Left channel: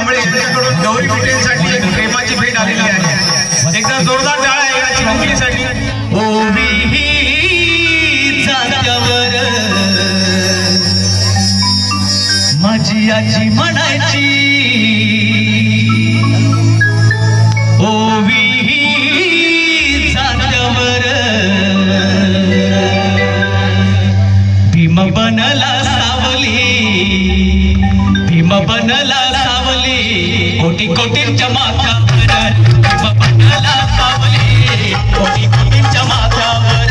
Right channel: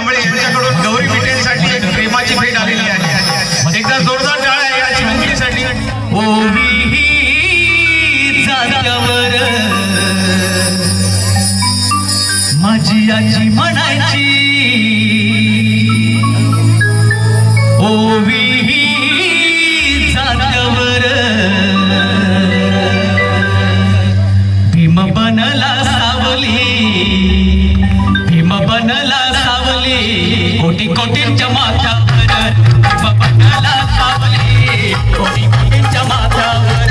कांबळे यांच्याकडून गौरी भेटीसाठी एक प्रेमाची भेट आलेली आहे। एकदा जोरदार टाळ्या याची मंगलीसाठी। ओवी जात्यावर माझी आजी म्हणायची, ओवी जात्यावर भीम बनला सावली, भीम बनला सावली, कोटी कोटींच्या माथ्यावर भीम बनला सावली, कोटी कोटींच्या माथ्यावर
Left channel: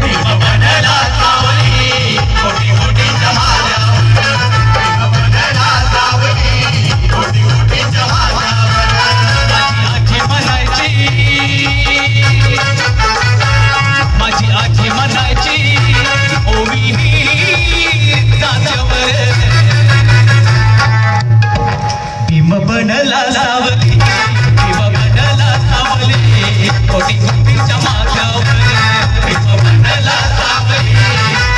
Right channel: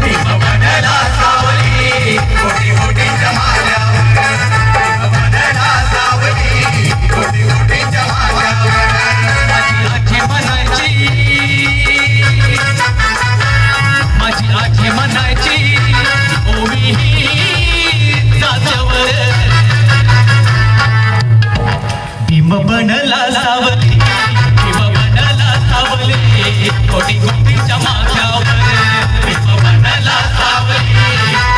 भीम बनला सावली, कोटी कोटींच्या माथ्यावर भीम बनला सावली, कोटी कोटींच्या माथ्यावर। माझी आजी म्हणायची, माझी आजी म्हणायची, ओवी जात्यावर भीम बनला सावली, भीम बनला सावली, कोटी कोटींच्या माथ्यावर भीम बनला सावली,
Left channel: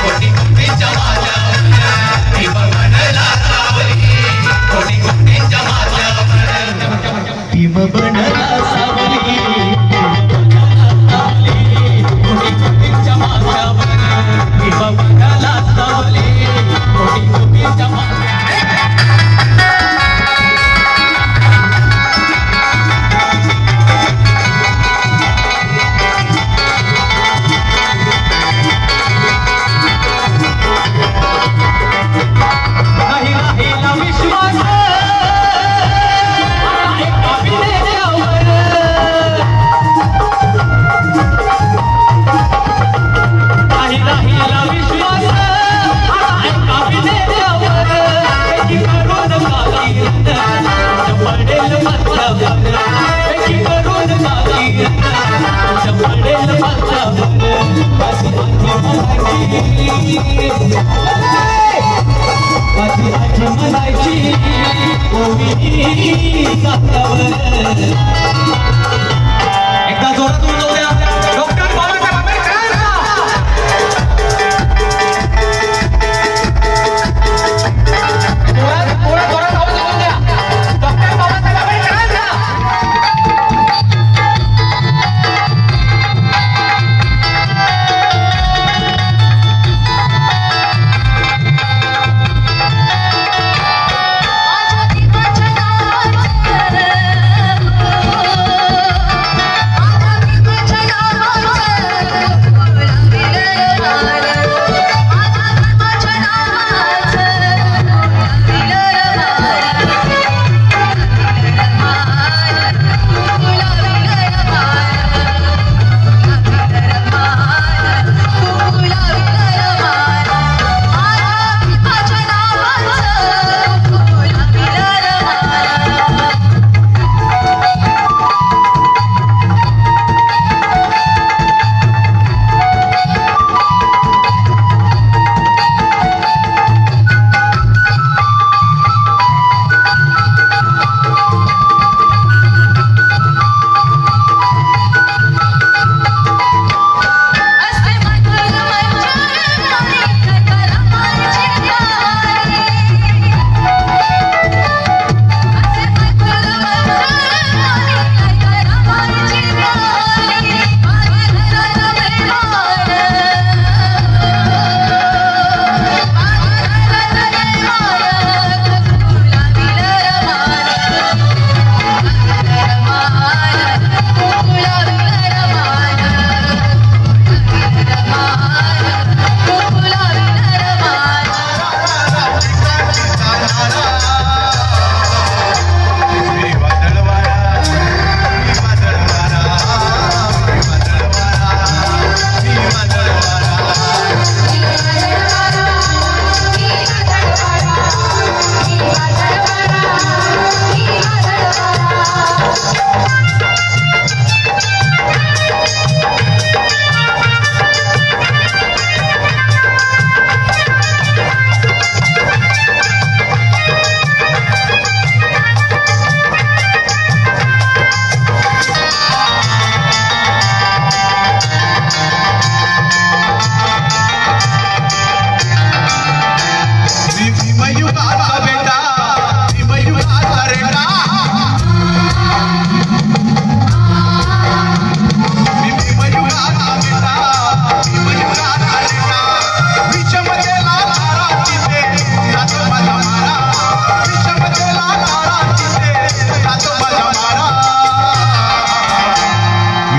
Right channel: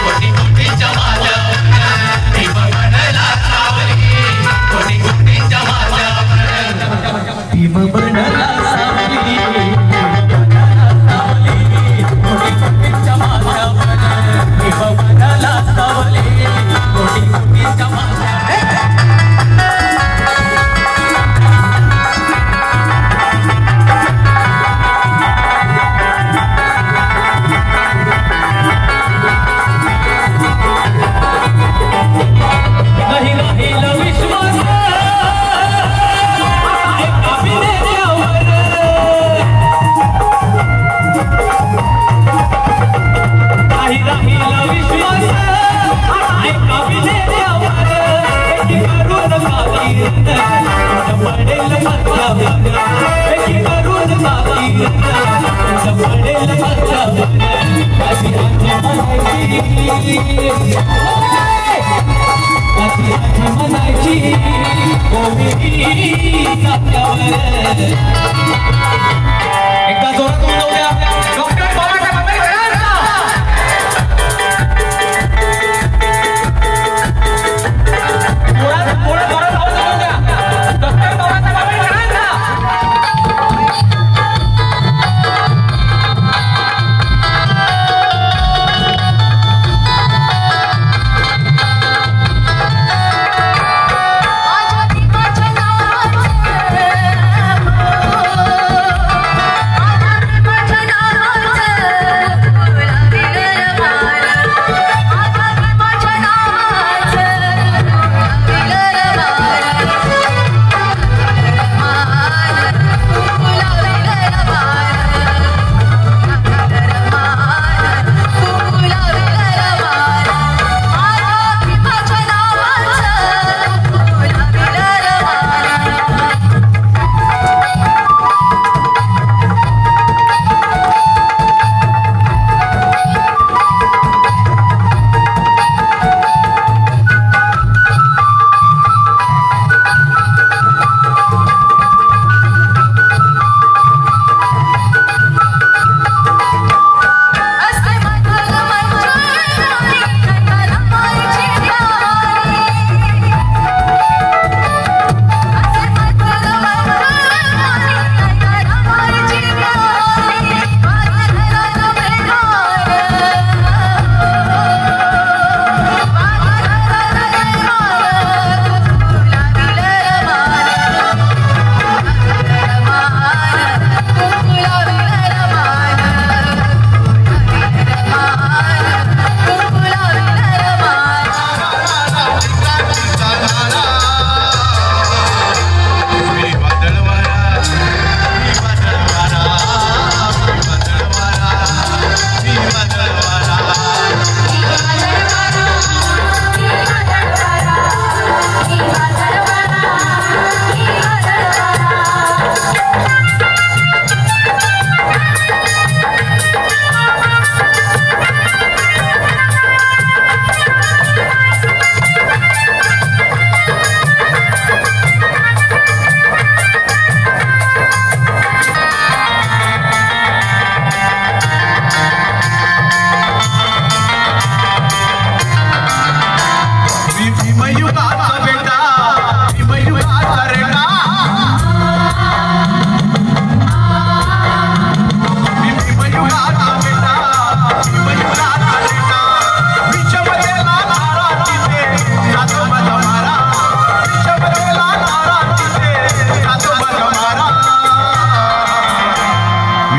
कोटी कोटींच्या माथ्यावर भीम बनला सावली, कोटी कोटींच्या माथ्यावर भीम बनला सावली, कोटी कोटींच्या माथ्यावर भीम बनला सावली, कोटी कोटींच्या माथ्यावर। नाही राहिला विश्वास एका विनेत्यावर, नाही राहिला विश्वास एका विनेत्यावर, एकी करून काहीर पडेल माथ्यावर, एकी करून काहीर पडेल माथ्यावर। माझी आजी म्हणायची, माझी आजी म्हणायची, ओवी जात्यावर। एकदा जोरात बोलवूया डॉक्टर बाबासाहेब आंबेडकरांना। थोडा जोरात आवाज बोलवूया डॉक्टर बाबासाहेब आंबेडकरांना। माझ्या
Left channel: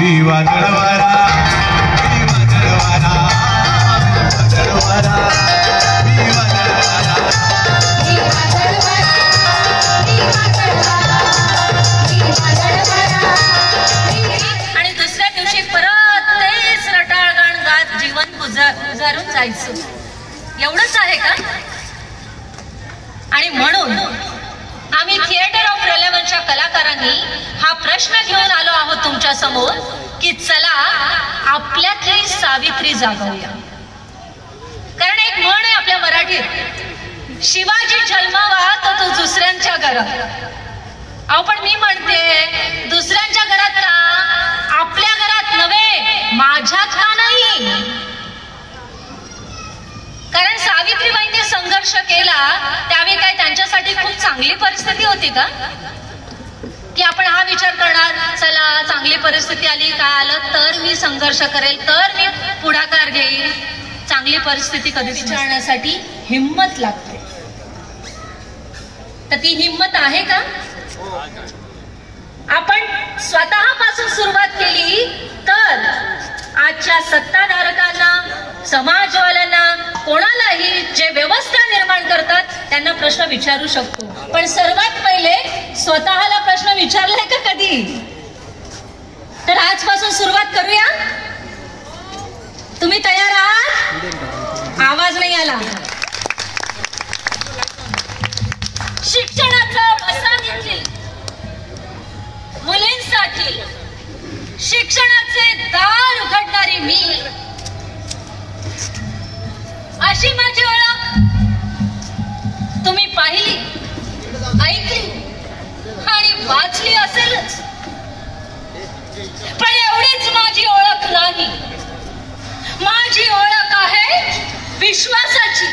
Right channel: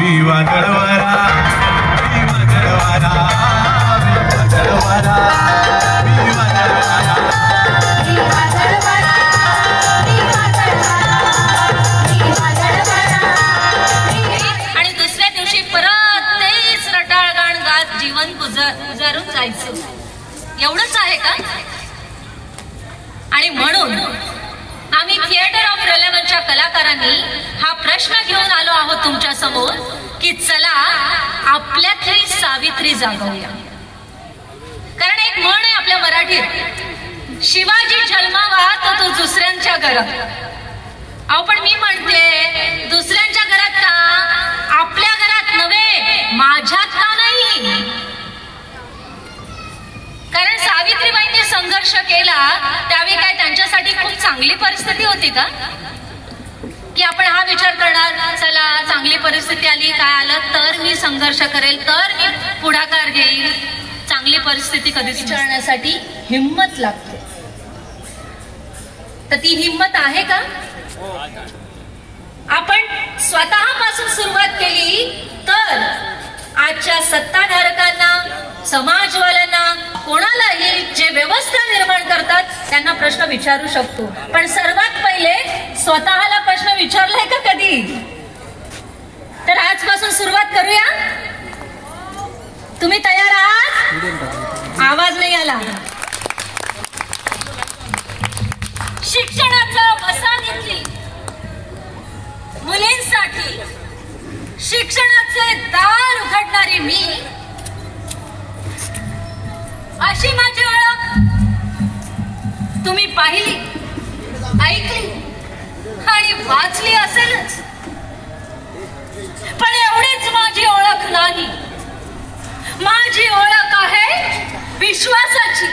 मी वादळवारा मी वादळवारा वादळवारा मी वादळवारा मी वादळवारा मी वादळवारा आणि दुसऱ्या दिवशी परत तेच रटाळ गाण गात जीवन गुजारून जायचं एवढंच आहे का? आणि म्हणून आम्ही थिएटर ऑफ रेलेव्हनच्या कलाकारांनी हा प्रश्न घेऊन आलो आहोत तुमच्या समोर की चला आपल्यातली सावित्री जागवूया. कारण एक म्हण आहे आपल्या मराठीत, शिवाजी जन्मावा तो दुसऱ्यांच्या घरात. अहो पण मी म्हणते दुसऱ्यांच्या घरात का, आपल्या घरात नव्हे, माझ्यात का नाही? कारण सावित्रीबाईंनी संघर्ष केला त्यावेळी काय त्यांच्यासाठी खूप चांगली परिस्थिती होती का? की आपण हा विचार करणार चला चांगली परिस्थिती आली, काय आलं तर मी संघर्ष करेल, तर मी पुढाकार घेईल. चांगली परिस्थिती कधी विचारण्यासाठी हिंमत लागते. तर ती हिंमत आहे का? आपण स्वतःपासून सुरुवात केली तर आजच्या सत्ताधारकांना, समाजवाल्यांना, कोणालाही जे व्यवस्था निर्माण करतात त्यांना प्रश्न विचारू शकतो. पण सर्वात पहिले स्वतःला प्रश्न विचारलाय का कधी? तर आजपासून सुरुवात करूया. तुम्ही तयार आहात? आवाज नाही आला. शिक्षणाच्या वसाहतीतली मुलींसाठी शिक्षणाचे दार उघडणारी मी, अशी माझी ओळख तुम्ही पाहिली, ऐकली आणि वाचली असेलच. पण एवढीच माझी ओळख नाही. माझी ओळख आहे विश्वासाची,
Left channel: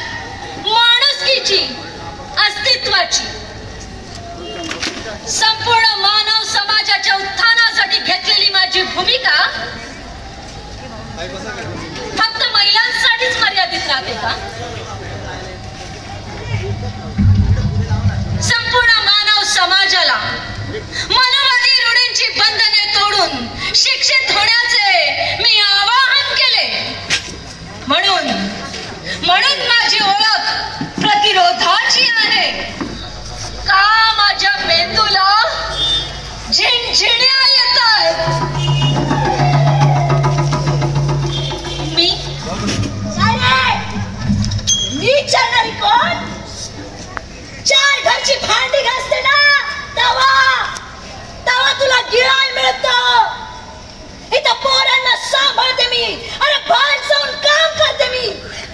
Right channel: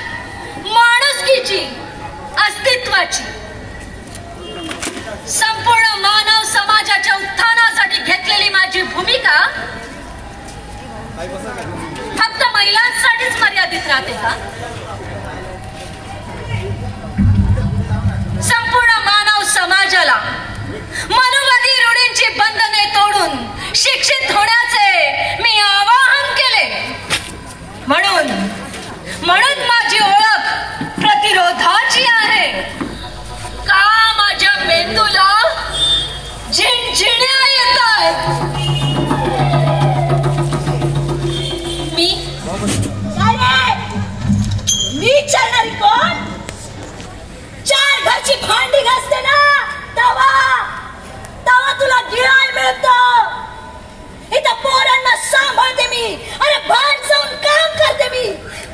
माणुसकीची, अस्तित्वाची. संपूर्ण मानव समाजाच्या उत्थानासाठी घेतलेली माझी भूमिका फक्त महिलांसाठीच मर्यादित राहते का? संपूर्ण मानव समाजाला मनुवादी रूढींची बंधने तोडून शिक्षित होण्याचे मी आवाहन केले. म्हणून माझी ओळख प्रतिरोधाची आहे. का माझ्या मेंदूला झिणझिण्या येत आहेत. मी चालणारी कोण? चार घरची भांडी घासते ना तवा तुला गिळाय मिळत. इथं पोरांना सांभाळते मी, अरे भान जाऊन काम करते मी,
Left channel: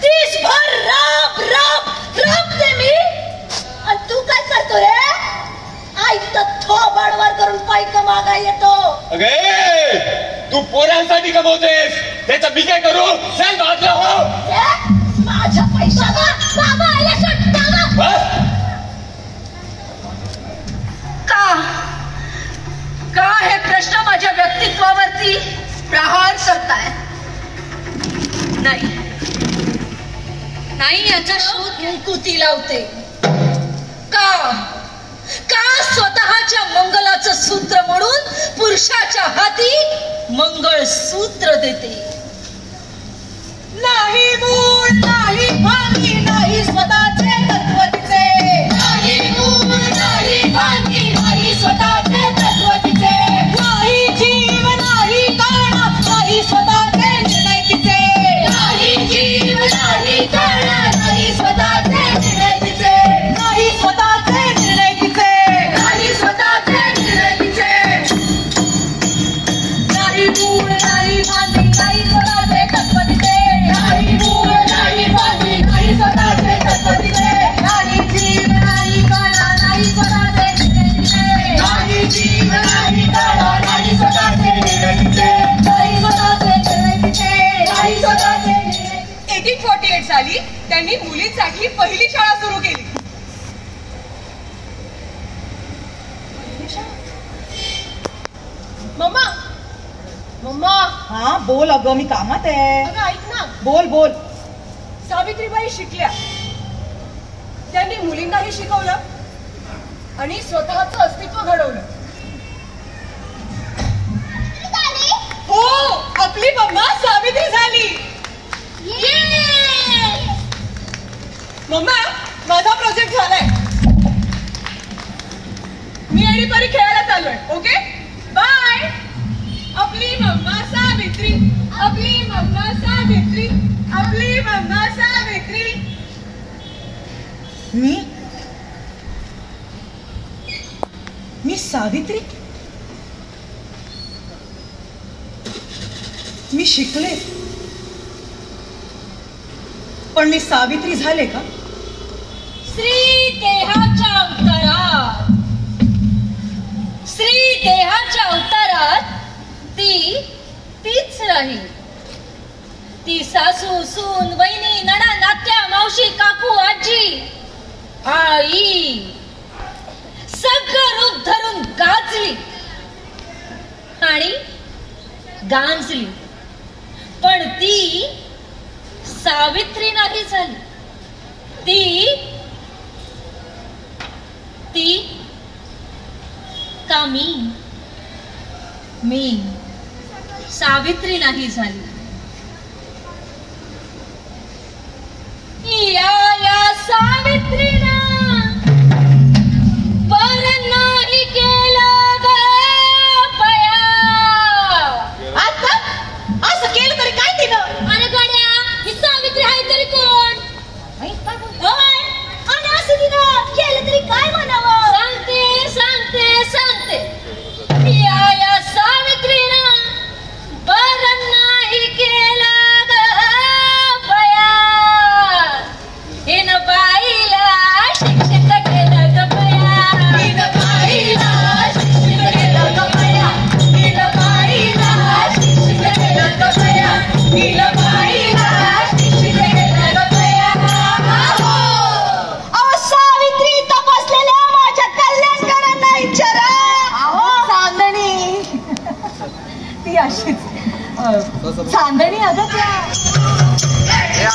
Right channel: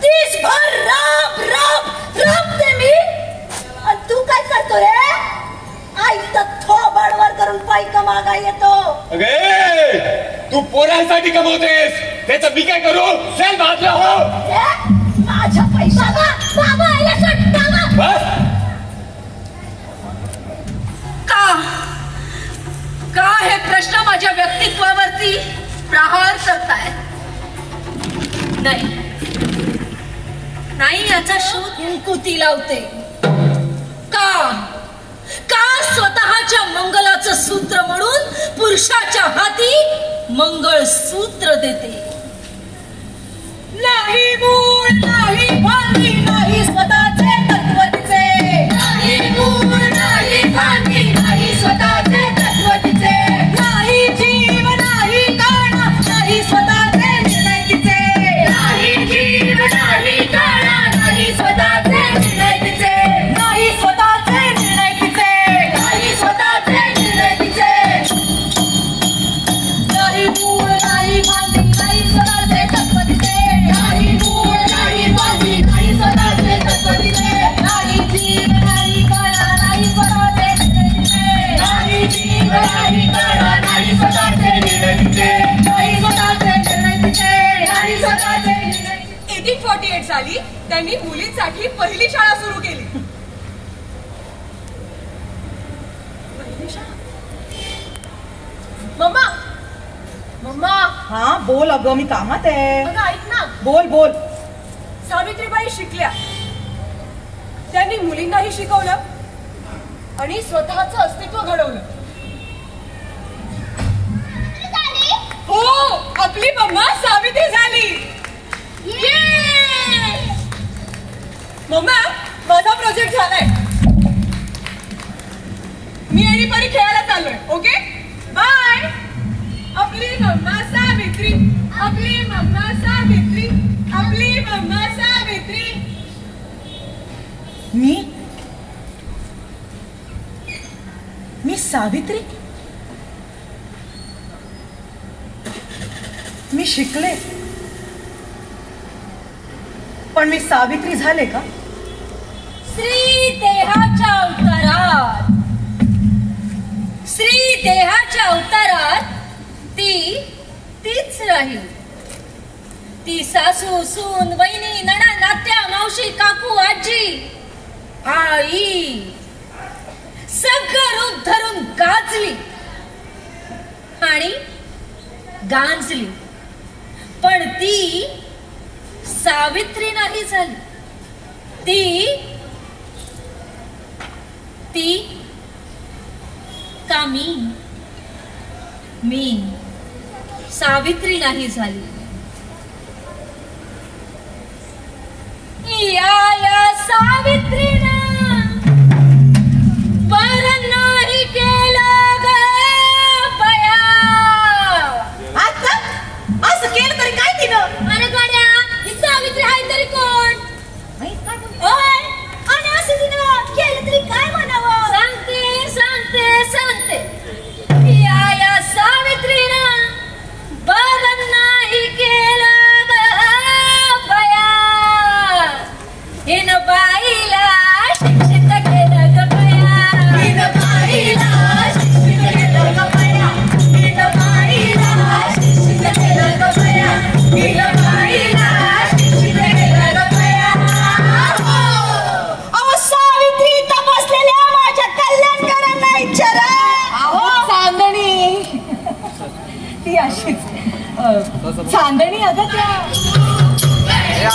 दिसभर राबते मी. आणि तू काय करतोय? आई तर थोबडवर करून पैका मागा येतो. अगे तू पोरांसाठी कमवतेस, त्याचं मी काय करू? चल बाजूला हो. माझ्या पैशाला बाबा का हे प्रश्न माझ्या व्यक्तित्वावरती प्रहार करताय? नाही याचा शोध कुती लावते. का स्वतःच्या मंगलाचं सूत्र म्हणून पुरुषाच्या हाती मंगळसूत्र देते. नाही मूळ, नाही भांगी, नाही स्वतःचे तत्वचे. नाही मूळ, नाही भांगी, नाही स्वतःचे तत्वचे. नाही जीव, नाही कर्ण, नाही स्वतःचे निर्णय. नाही जीव, नाही कर्ण, नाही स्वतःचे निर्णय. नाही स्वतःचे निर्णय. नाही स्वतःचे निर्णय. नाही मूळ, नाही भांगी, नाही स्वतःचे तत्वचे. नाही मूळ, नाही भांगी, नाही स्वतःचे तत्वचे. नाही जीव, नाही कर्ण, नाही स्वतःचे निर्णय. नाही जीव, नाही कर्ण, नाही स्वतःचे निर्णय. नाही स्वतःचे निर्णय. नाही स्वतःचे निर्णय. 1848 साली त्यांनी मुलींसाठी पहिली शाळा सुरू केली. Mamma mamma. हा बोल अगं, मी कामात आहे. अगं ऐक ना. बोल. सावित्रीबाई शिकल्या, त्यांनी मुलींनाही शिकवलं आणि स्वतःचं अस्तित्व घडवलं. हो मम्मा माझा प्रोजेक्ट झालाय. मी आणि परी खेळायला चाललोय. Okay bye. आपली मम्मा सावित्री, आपली मम्मा सावित्री, आपली मम्मा सावित्री. मी सावित्री? मी शिकले पण मी सावित्री झाले का? स्त्री देहाच्या अवतारात, स्त्री देहाच्या अवतारात तीच राहील. ती सासू, सून, वहिनी, नणा, नात्या, मावशी, काकू, आजी, आई सगळं रूप धरून गाजली आणि गांजली. पण ती सावित्री नाही झाली. ती का मी सावित्री नाही झाली. या सावित्रीला बर नाही केलं ग बया. असं केलं तरी काय तिनं? अरे गाड्या, ही सावित्री आहे तरी कोण? आणि असं तिनं केलं तरी काय म्हणावं? सांगते या सावित्रीनं बरं नाही केलं ग बया. हिनं बाईला शिक्षित केलं ग बया. हिनं बाईला शिक्षित केलं ग बया. हिनं बाईला शिक्षित केलं ग बया. हिनं बाईला शिक्षित केलं ग बया. अहो सावित्री तपासलेल्या माझ्या कल्याणकारांना विचारा. चांदणी ती अशीच चांदणी अगं त्या